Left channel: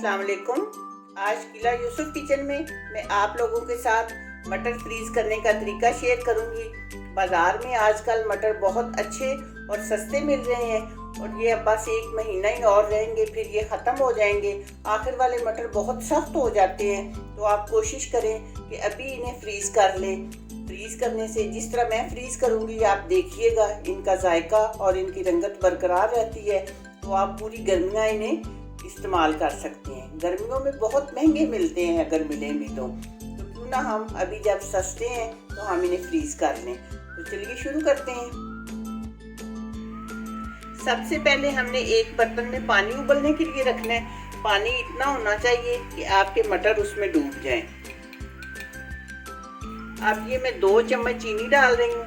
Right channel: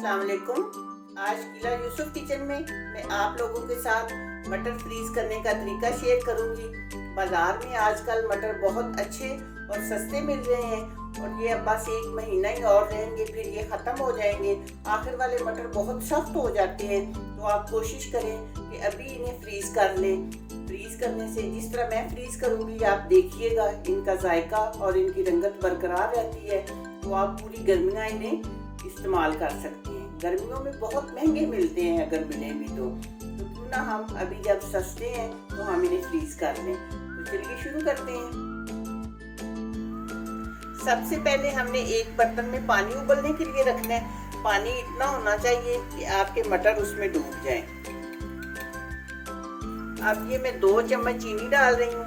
अस्सलाम वालेकुम। आज किला यूसुफ किचन में मैं आप लोगों के साथ मटर फ्रीज करने का तरीका शेयर करूंगी। बाज़ार में आजकल मटर बहुत अच्छे और सस्ते मिल रहे हैं और ये बस एक महीना ही और रहेंगे, फिर ये ख़त्म हो जाएंगे। आखिर वाले मटर बहुत सख्त हो जाते हैं, तो आप कोशिश करें कि अभी इन्हें फ्रीज़ कर लें। फ्रीज़ करने से जिस तरह मैं फ्रीज़ करूंगी आप देखिएगा, इनका जायका और इनकी रंगत बरकरार रहती है, तो आप पूरी गर्मियाँ इन्हें इस्तेमाल कर सकते हैं। गर्मियों में बहुत महंगे मिलते हैं, अगर मिलें भी तो क्यों ना हम अभी जब सस्ते हैं तो हम इन्हें फ्रीज कर लें। तो चलिए शुरू करते हैं। सबसे पहले हमने एक बर्तन में पानी उबलने के लिए रखना है। पानी इतना होना चाहिए कि आपके मटर उसमें डूब जाएं। अब ये मैं 2 चम्मच चीनी डाल रही हूँ।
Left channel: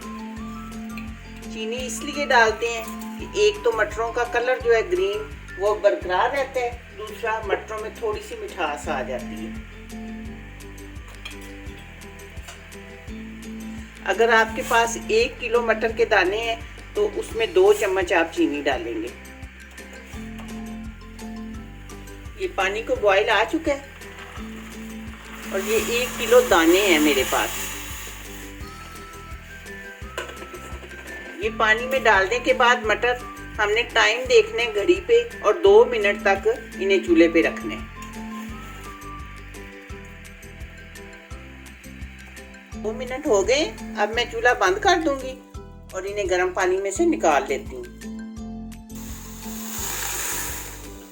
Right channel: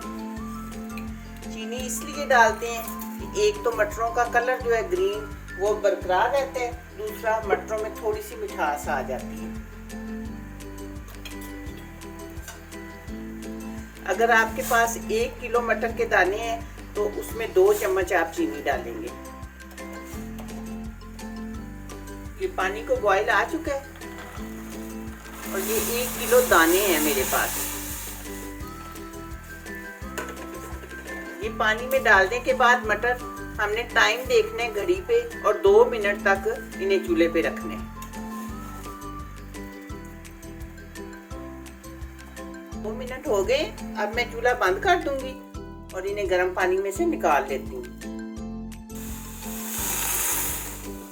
चीनी इसलिए डालते हैं कि एक तो मटरों का कलर जो है ग्रीन वो बरकरार रहता है, दूसरा मटरों में थोड़ी सी मिठास आ जाती है। अगर आपके पास 1 किलो मटर के दाने हैं तो उसमें 2 चम्मच आप चीनी डालेंगे। ये पानी को बॉईल आ चुका है और ये 1 किलो दाने हैं मेरे पास। ये पानी में डालने के बाद मटर हमने टाइम देखने घड़ी पे और 2 मिनट तक इन्हें चूल्हे पे रखने। 2 मिनट हो गए। अब मैं चूल्हा बंद कर दूंगी और इन्हें गर्म पानी में से निकाल लेती हूँ।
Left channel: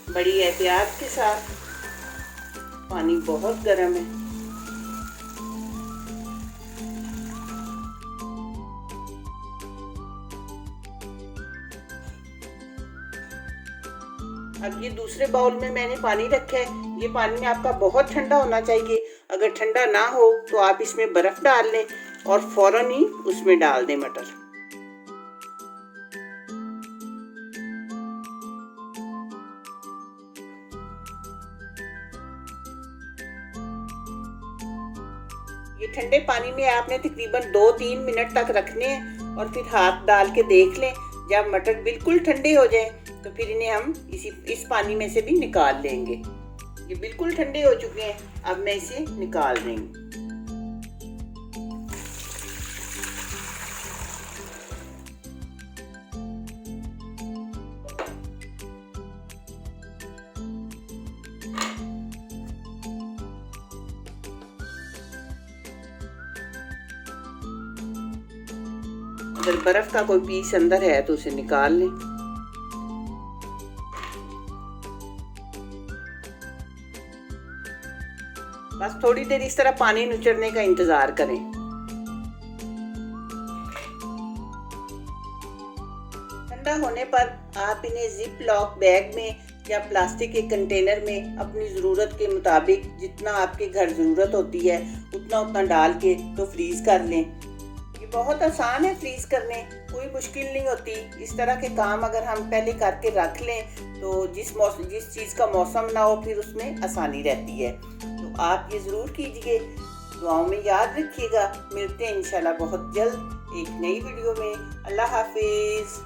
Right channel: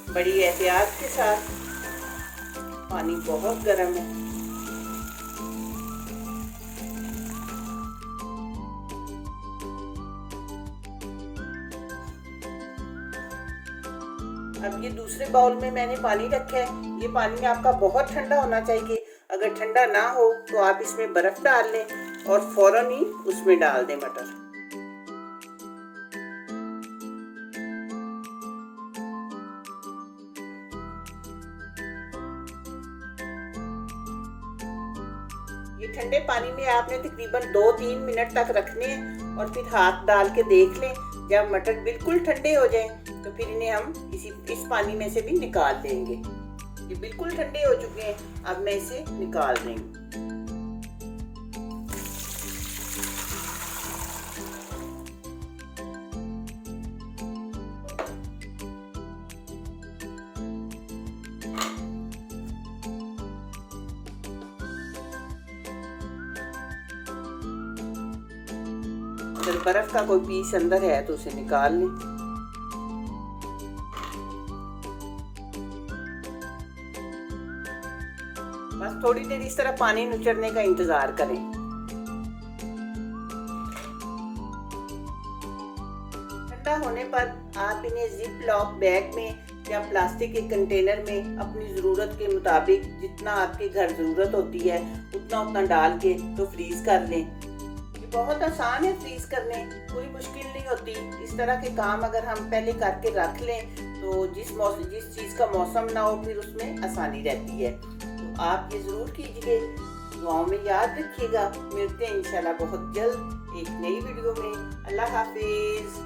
बड़ी एहतियात के साथ, पानी बहुत गर्म है। अब ये दूसरे बाउल में मैंने पानी रखा है। ये पानी आपका बहुत ठंडा होना चाहिए। अगर ठंडा ना हो तो आप इसमें बर्फ डाल लें और फौरन ही उसमें डाल दें मटर। ये ठंडे पानी में आपने तकरीबन 2-3 मिनट तक रखने हैं और फिर हाथ डाल के देख लें। जब मटर बिल्कुल ठंडे हो जाएं तो फिर इन्हें हम इस पानी में से भी निकाल लेंगे। ये बिल्कुल ठंडे हो चुके हैं, अब मैं इसे निकाल देंगे। अगर बर्फ का कोई पीस अंदर है तो उसे निकाल लें। बस थोड़ी देर इस तरह पानी नुचड़ने का इंतजार करें। ठंडा होने पर आप इन्हें जिप लॉक बैग में या प्लास्टिक के कंटेनर में अपनी ज़रूरत के मुताबिक जितना आपके घर ज़रूरत होती है उतना डाल के तो फ्रीज़ कर लें। ये बहुत आसान है फ्रीज़ करने, कोई मुश्किल नहीं होती। इस तरह के काम अगर हम पहले करके रख लें तो जिस चीज़ का मौसम ना हो फिर उसमें आसानी रहती है। तो आप ये ज़रूर कीजिए, दुआओं में याद रखिएगा। मिलते हैं इंशाल्लाह बहुत जल्द एक नई वीडियो में। अल्लाह हाफिज़।